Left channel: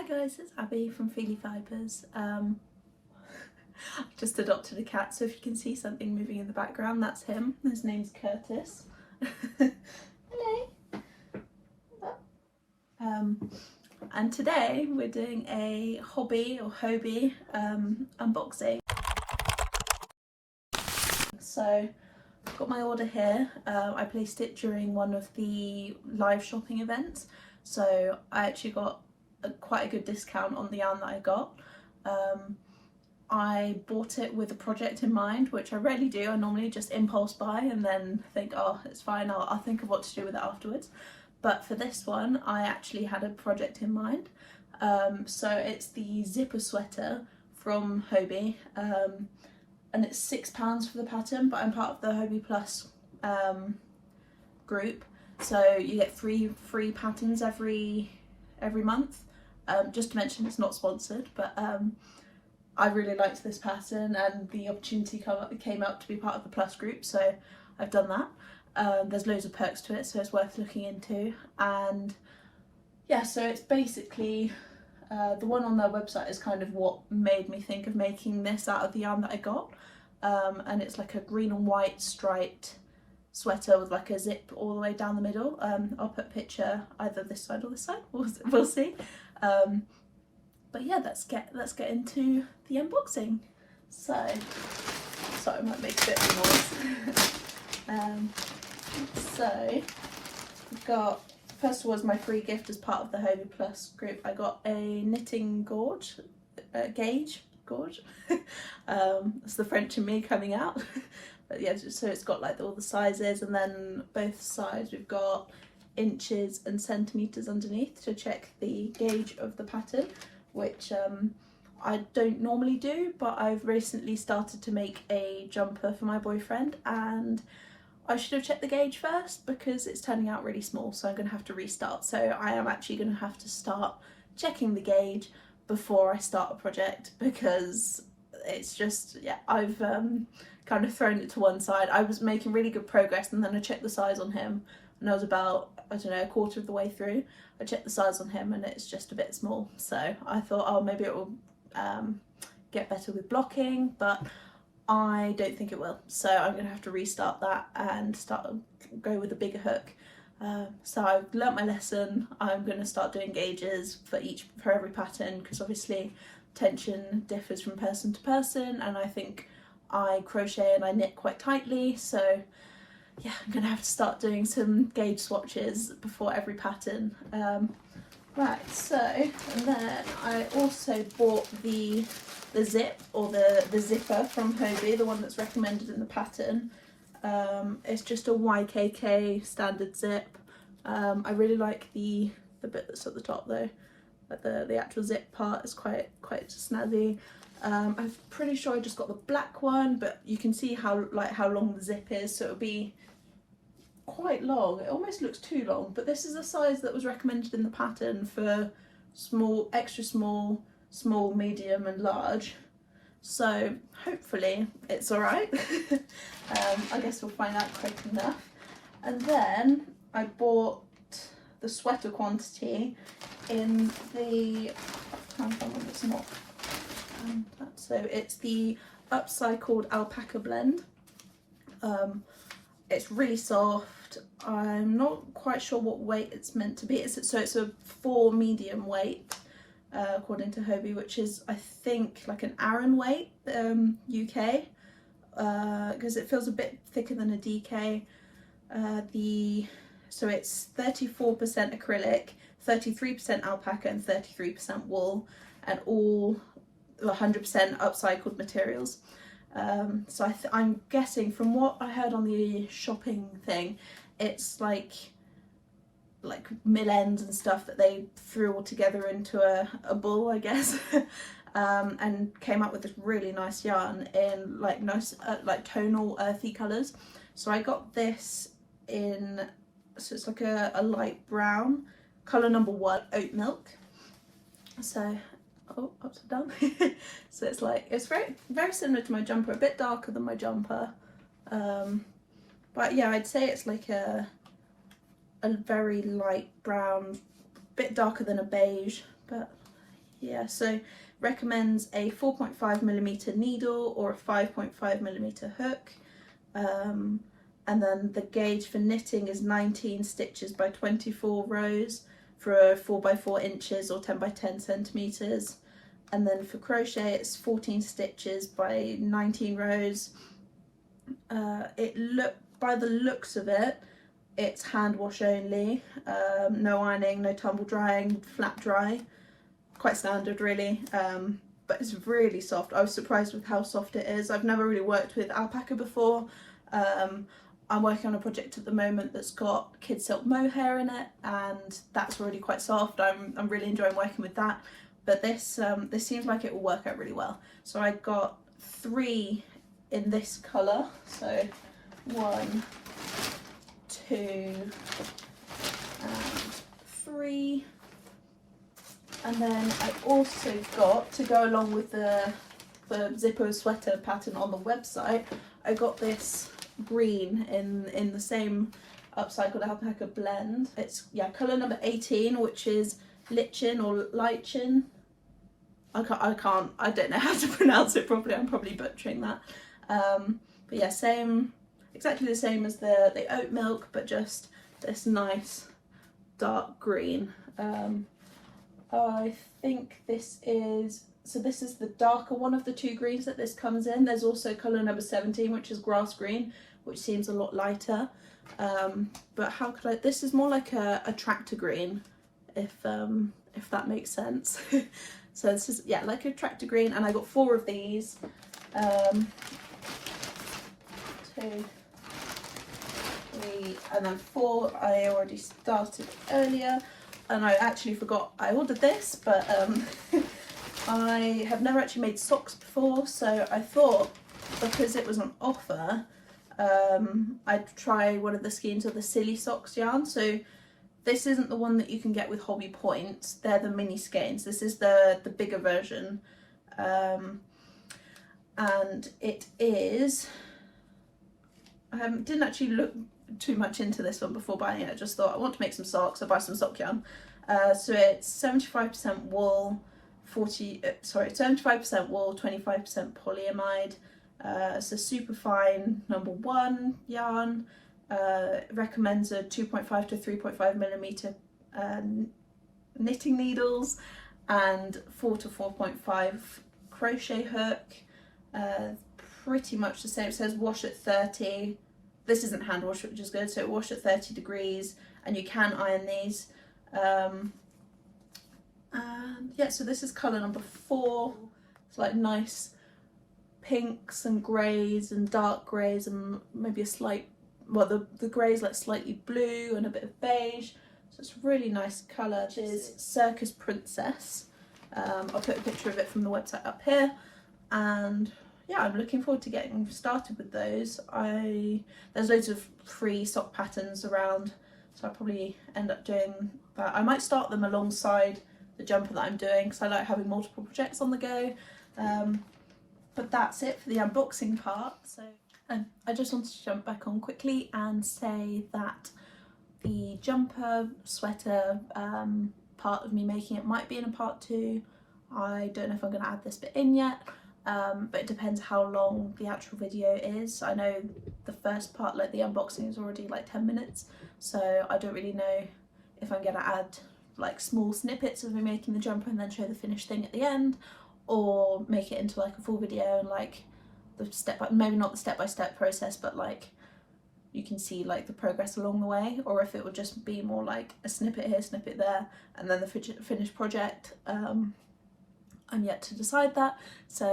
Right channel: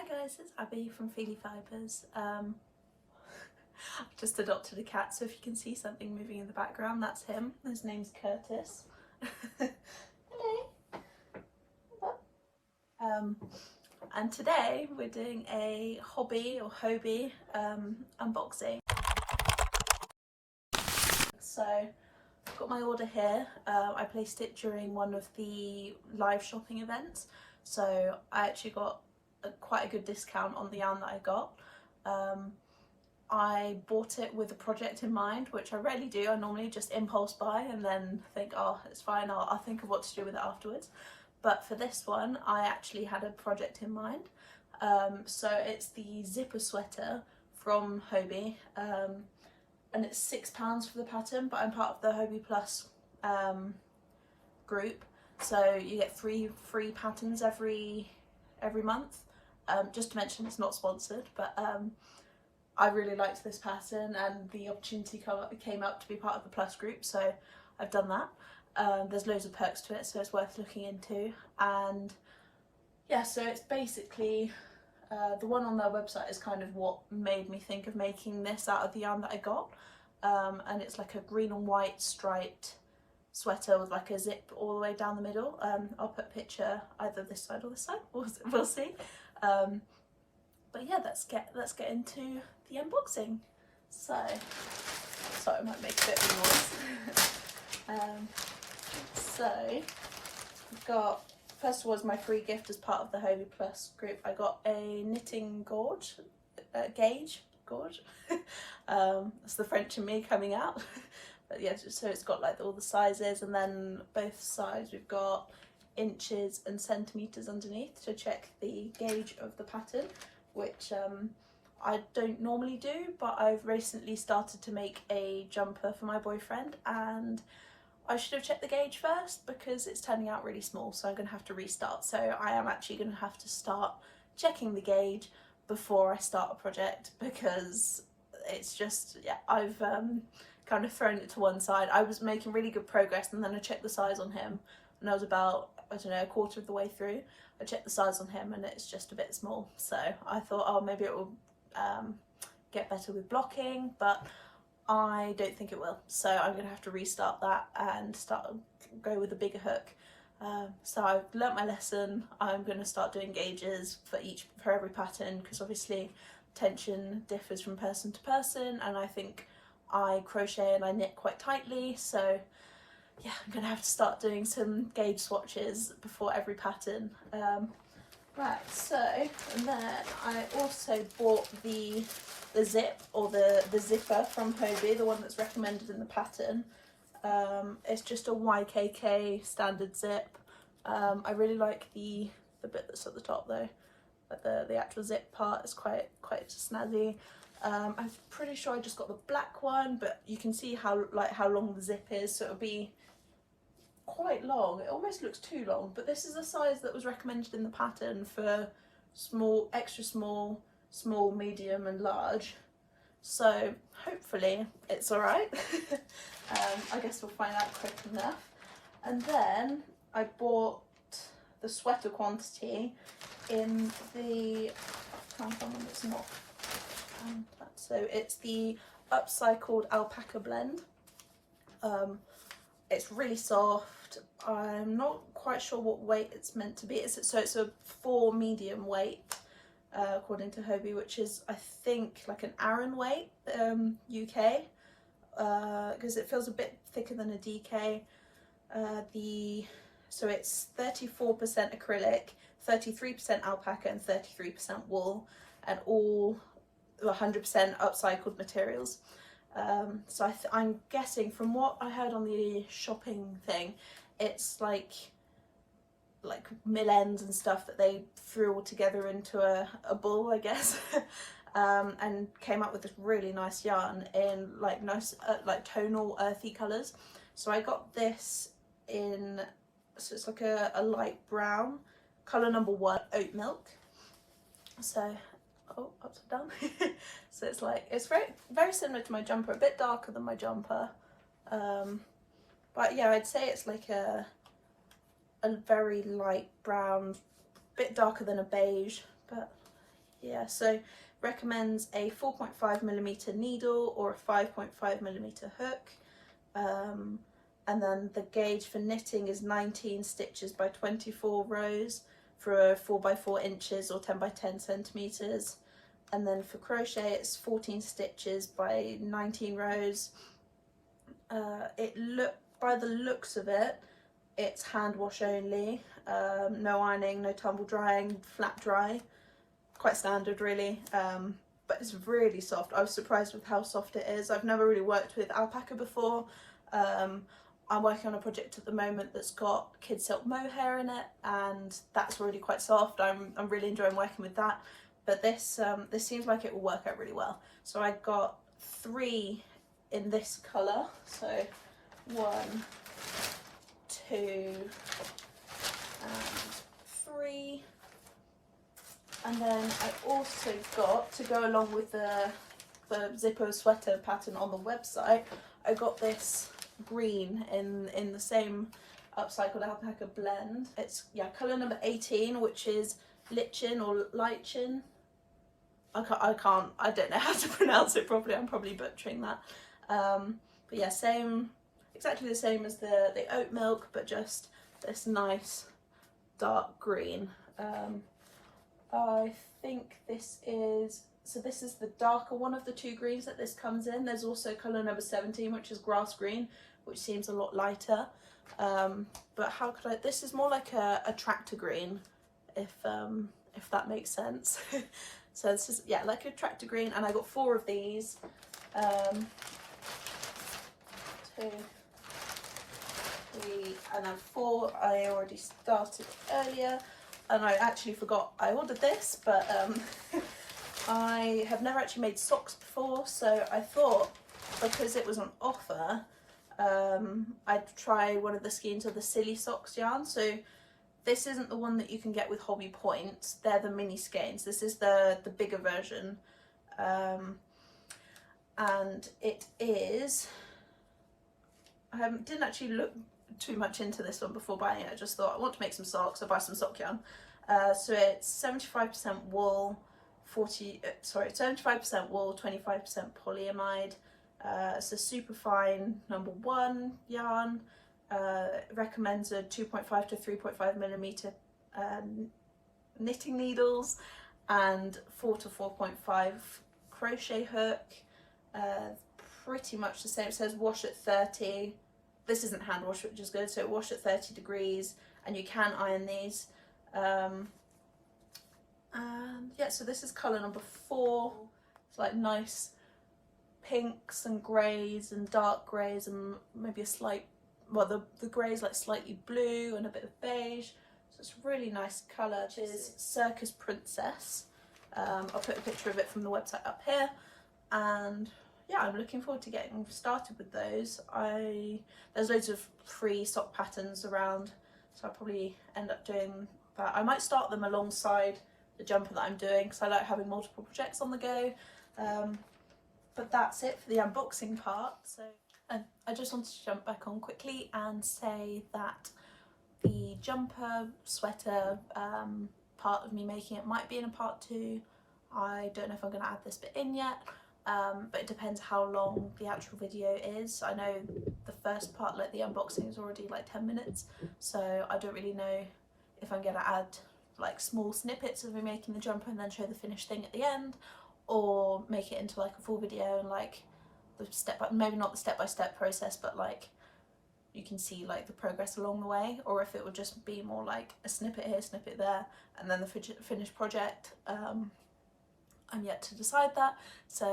Hi guys, it's Abby from Feely Fibres. I've just adopted a cat, so if you can see something moving in the background, that's him. His name's Curtis. Hello. And today we're doing a Hobbii unboxing. So I've got my order here. I placed it during one of the live shopping events, so I actually got quite a good discount on the yarn that I got. I bought it with a project in mind, which I rarely do. I normally just impulse buy and then think, oh, it's fine, I'll think of what to do with it afterwards. But for this one, I actually had a project in mind. So it's the zipper sweater from Hobbii, and it's £6 for the pattern, but I'm part of the Hobbii Plus group, so you get free patterns every month. Just to mention, it's not sponsored, but I really liked this pattern and the opportunity came up to be part of the Plus group, so I've done that. There's loads of perks to it, so it's worth looking into. And yeah, so it's basically the one on their website is kind of what made me think of making this out of the yarn that I got. And it's like a green and white striped sweater with like a zip all the way down the middle. I'll put a picture either this side or this side, we'll see. But yeah, let's get into the unboxing. So sorry, I might make a bit of noise. So we've got, first of all, as my free gift as part of the Hobbii Plus group, I got a knitting gauge. That's the French in me coming out. But yeah, so it's got like all the sizes, and then both sides we've got inches and centimeters underneath to check the gauge of the pattern, which I don't normally do, but I've recently started to make a jumper for my boyfriend, and I should have checked the gauge first because it's turning out really small, so I'm going to have to restart. So I am actually going to have to start checking the gauge before I start a project, because it's just, yeah, I've kind of thrown it to one side. I was making really good progress, and then I checked the size on him, and I was about, I don't know, a quarter of the way through. I checked the size on him and it's just a bit small, so I thought, oh, maybe it will get better with blocking, but I don't think it will, so I'm going to have to restart that and go with a bigger hook. So I've learnt my lesson. I'm going to start doing gauges for every pattern, because obviously tension differs from person to person, and I think I crochet and I knit quite tightly, so yeah, I'm going to have to start doing some gauge swatches before every pattern. Right, so, and then I also bought the zip, or the zipper from Hobbii, the one that's recommended in the pattern. It's just a YKK standard zip. I really like the bit that's at the top though, like the actual zip part is quite snazzy. I'm pretty sure I just got the black one, but you can see how long the zip is, so it'll be quite long. It almost looks too long, but this is a size that was recommended in the pattern for small, extra small, medium and large, so hopefully it's all right. I guess we'll find out quick enough. And then I bought the sweater quantity in the, I can't find one that's not, so it's the Upcycled Alpaca blend. It's really soft. I'm not quite sure what weight it's meant to be. It's a 4 medium weight, according to Hobbii, which is, I think, like an Aran weight, UK, because it feels a bit thicker than a DK. So it's 34% acrylic, 33% alpaca and 33% wool, and all 100% upcycled materials. So I'm guessing, from what I heard on the shopping thing, it's like mill ends and stuff that they threw all together into a ball, I guess. And came up with this really nice yarn in like nice like tonal earthy colours. So I got this in, so it's like a light brown, colour number 1, Oat Milk. So upside down. So it's very similar to my jumper, a bit darker than my jumper, but yeah, I'd say it's like a very light brown, bit darker than a beige, but Yeah, so recommends a 4.5mm needle or a 5.5mm hook. And then the gauge for knitting is 19 stitches by 24 rows for 4x4 inches or 10x10 centimeters. And then for crochet it's 14 stitches by 19 rows. By the looks of it, it's hand wash only, no ironing, no tumble drying, flat dry, quite standard really, but it's really soft. I was surprised with how soft it is. I've never really worked with alpaca before. I'm working on a project at the moment that's got kid silk mohair in it, and that's already quite soft. I'm really enjoying working with that, but this seems like it will work out really well. So I got 3 in this colour, so 1, 2 and 3, and then I also got, to go along with the Zippo sweater pattern on the website, I got this green in the same Upcycled alpaca blend. It's, yeah, colour number 18, which is Lichen or Lichen. I don't know how to pronounce it properly. I'm probably butchering that. But yeah, exactly the same as the Oat Milk, but just this nice dark green. I think this is the darker one of the 2 greens that this comes in. There's also colour number 17, which is grass green, which seems a lot lighter. But how could I? This is more like a tractor green, if that makes sense. So this is, yeah, like a tractor green, and I got 4 of these. 2, 3, and then 4 I already started earlier, and I actually forgot I ordered this, but I have never actually made socks before, so I thought, because it was on offer, I'd try one of the skeins of the Silly Socks yarn. So this isn't the one that you can get with Hobbii Points, they're the mini skeins. This is the bigger version, and it is, I didn't actually look too much into this one before buying it. I just thought I want to make some socks, I'll buy some sock yarn. So it's 75% wool, 75% wool, 25% polyamide. It's a super fine number 1 yarn. Recommends a 2.5 to 3.5mm knitting needles and 4 to 4.5 crochet hook. Pretty much the same. It says wash at 30. This isn't hand wash, which is good, so wash at 30 degrees, and you can iron these. And yeah, so this is colour number 4. It's like nice pinks and greys and dark greys and maybe a slight, well, the grey is like slightly blue and a bit of beige, so it's a really nice colour. It is Circus Princess. I'll put a picture of it from the website up here, and yeah, I'm looking forward to getting started with those. There's loads of free sock patterns around, so I'll probably end up doing that. I might start them alongside the jumper that I'm doing, because I like having multiple projects on the go. But that's it for the unboxing part. So I just wanted to jump back on quickly and say that the jumper sweater part of me making it might be in a part 2. I don't know if I'm going to add this bit in yet, but it depends how long the actual video is. I know the first part, like the unboxing, is already like 10 minutes, so I don't really know if I'm going to add like small snippets of me making the jumper and then show the finished thing at the end, or make it into like a full video and like the maybe not the step-by-step process, but like you can see like the progress along the way, or if it would just be more like a snippet here, snippet there, and then the finished project. I'm yet to decide that, so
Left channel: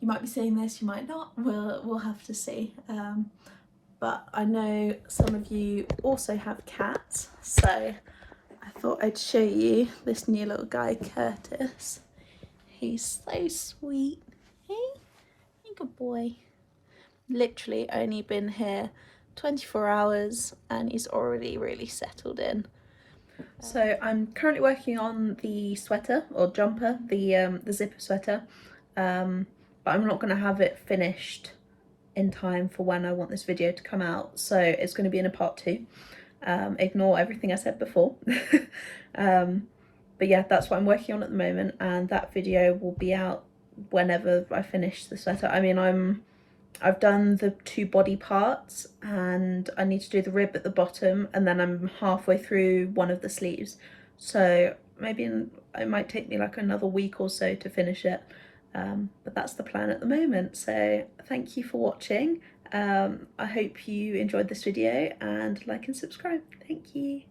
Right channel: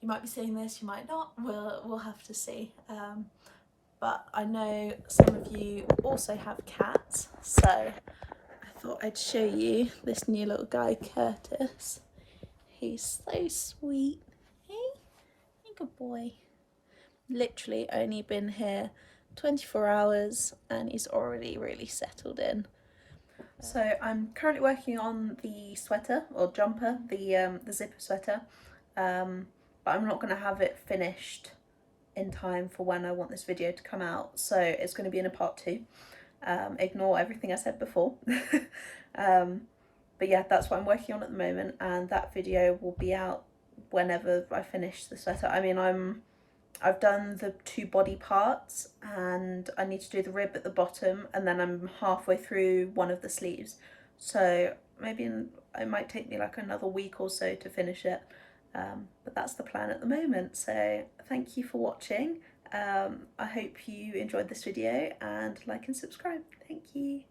you might be seeing this, you might not, we'll have to see. But I know some of you also have cats, so I thought I'd show you this new little guy, Curtis. He's so sweet. Hey, good boy. Literally only been here 24 hours and he's already really settled in. So I'm currently working on the sweater or jumper, the zipper sweater, but I'm not going to have it finished in time for when I want this video to come out, so it's going to be in a part 2. Ignore everything I said before. But yeah, that's what I'm working on at the moment, and that video will be out whenever I finish the sweater. I mean, I've done the 2 body parts and I need to do the rib at the bottom, and then I'm halfway through one of the sleeves. So maybe it might take me like another week or so to finish it. But that's the plan at the moment. So thank you for watching. I hope you enjoyed this video, and like and subscribe. Thank you.